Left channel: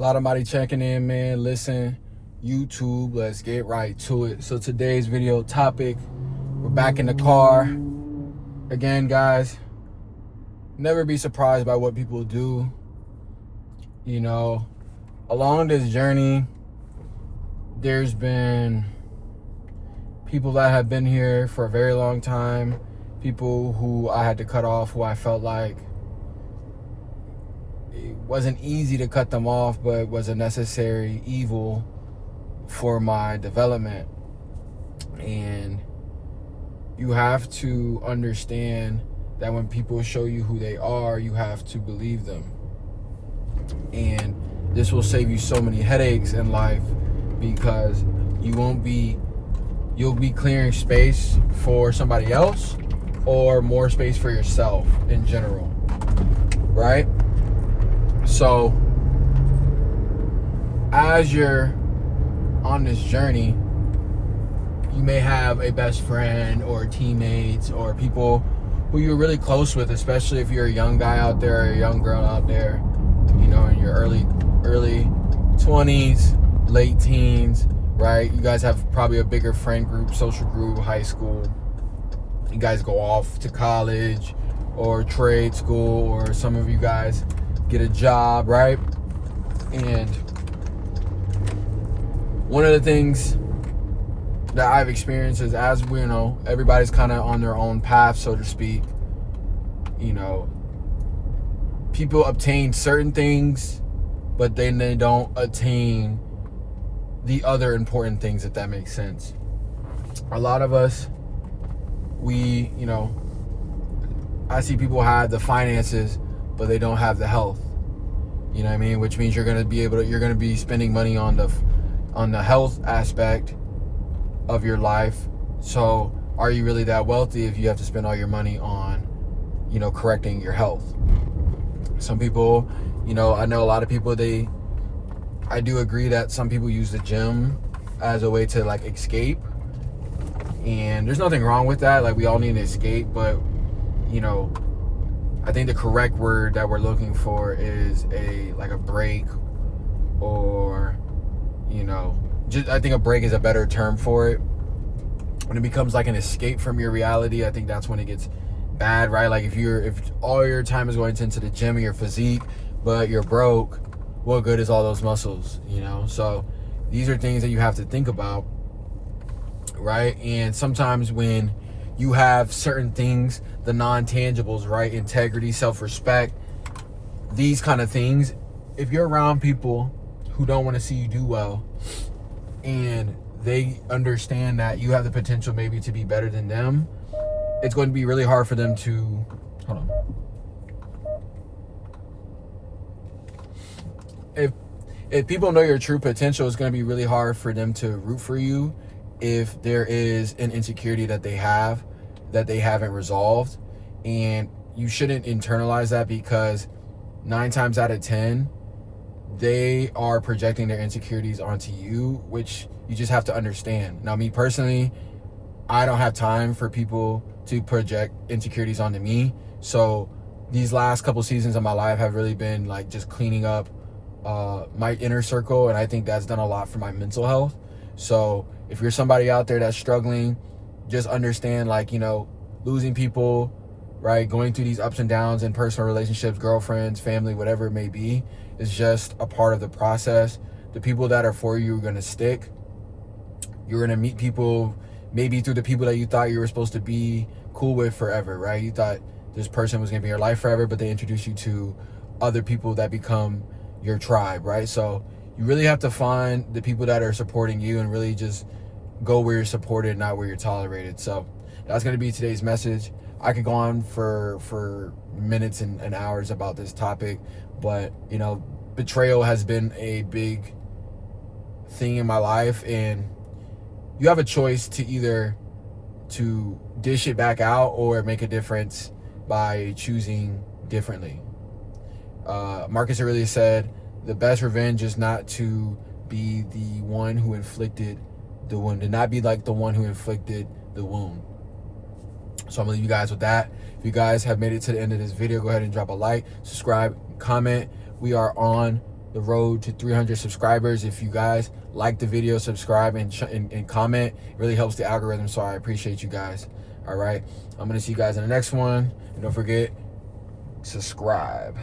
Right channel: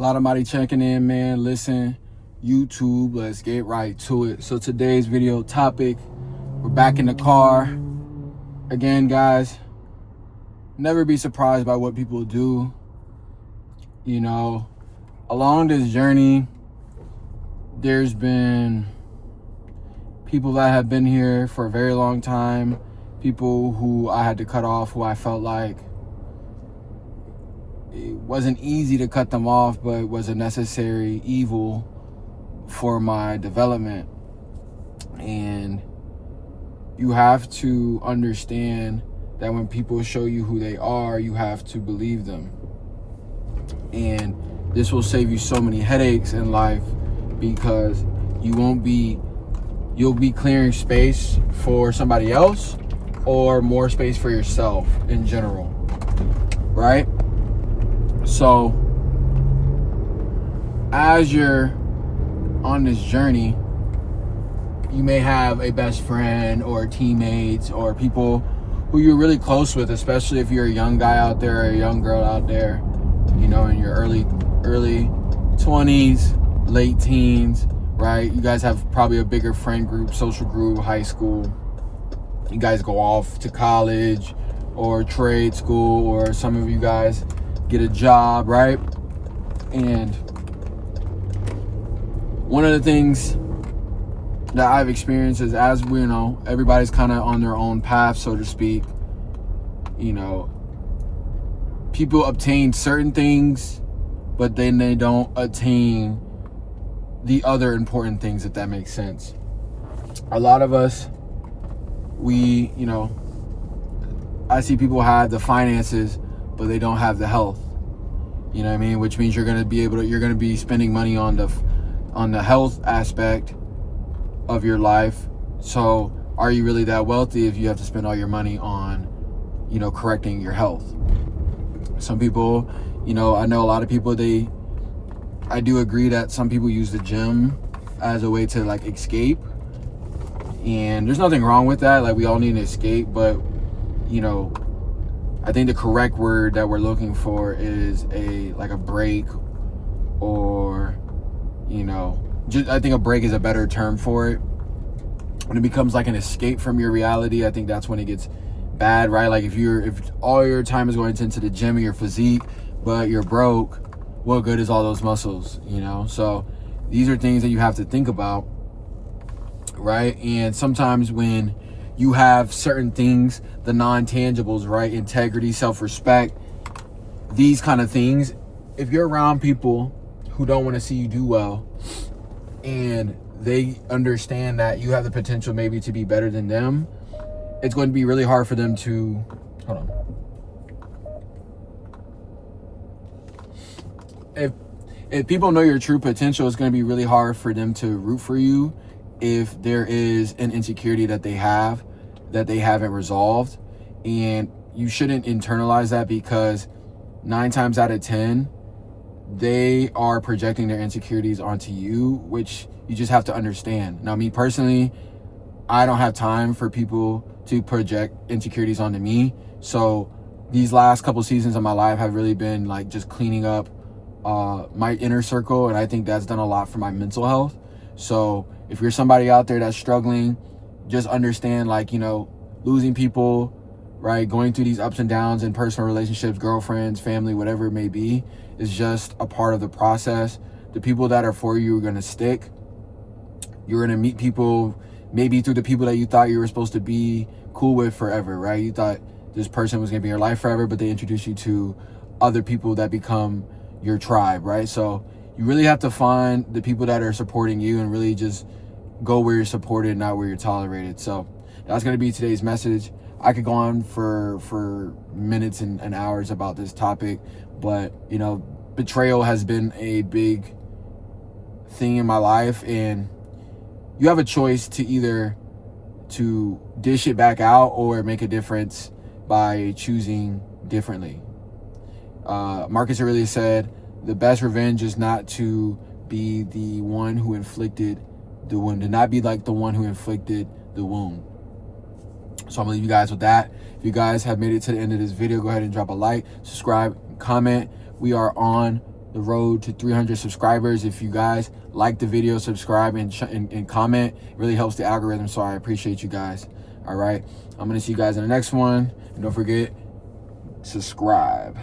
A lot of body checking in, man. Listen, YouTube, let's get right to it. So today's video topic, we're back in the car. Again, guys, never be surprised by what people do. You know, along this journey, there's been people that have been here for a very long time, people who I had to cut off, who I felt like it wasn't easy to cut them off, but was a necessary evil for my development. And you have to understand that when people show you who they are, you have to believe them. And this will save you so many headaches in life, because you'll be clearing space for somebody else or more space for yourself in general, right? So as you're on this journey, you may have a best friend or teammates or people who you're really close with, especially if you're a young guy out there or a young girl out there, you know, in your early 20s, late teens, right? You guys have probably a bigger friend group, social group, high school. You guys go off to college or trade school, or some of you guys get a job, right? And one of the things that I've experienced is, as we know, everybody's kind of on their own path, so to speak. You know, people obtain certain things, but then they don't attain the other important things, if that makes sense. A lot of us, I see people have the finances, but they don't have the health. You know what I mean? Which means you're going to be spending money on the health aspect of your life. So are you really that wealthy if you have to spend all your money on, correcting your health? Some people, I know a lot of people, I do agree that some people use the gym as a way to escape. And there's nothing wrong with that. We all need an escape, but I think the correct word that we're looking for is a break, or I think a break is a better term for it. When it becomes an escape from your reality, I think that's when it gets bad, right? If all your time is going into the gym and your physique, but you're broke, what good is all those muscles? So these are things that you have to think about, right? And sometimes when you have certain things, the non-tangibles, right? Integrity, self-respect, these kind of things. If you're around people who don't want to see you do well, and they understand that you have the potential maybe to be better than them, it's going to be really hard for them to, if people know your true potential, it's going to be really hard for them to root for you if there is an insecurity that they haven't resolved. And you shouldn't internalize that, because 9 times out of 10, they are projecting their insecurities onto you, which you just have to understand. Now, me personally, I don't have time for people to project insecurities onto me. So these last couple seasons of my life have really been just cleaning up my inner circle, and I think that's done a lot for my mental health. So if you're somebody out there that's struggling, just understand, losing people, right? Going through these ups and downs in personal relationships, girlfriends, family, whatever it may be, is just a part of the process. The people that are for you are going to stick. You're going to meet people, maybe through the people that you thought you were supposed to be cool with forever, right? You thought this person was going to be in your life forever, but they introduce you to other people that become your tribe, right? So you really have to find the people that are supporting you and really just go where you're supported, not where you're tolerated. So that's going to be today's message. I could go on for minutes and hours about this topic, but betrayal has been a big thing in my life, and you have a choice to either to dish it back out or make a difference by choosing differently. Marcus Aurelius said, the best revenge is not to be the one who inflicted the wound, to not be like the one who inflicted the wound. So I'm gonna leave you guys with that. If you guys have made it to the end of this video, go ahead and drop a like, subscribe, comment. We are on the road to 300 subscribers. If you guys like the video, subscribe and comment. It really helps the algorithm, so I appreciate you guys. All right, I'm gonna see you guys in the next one, and don't forget, subscribe.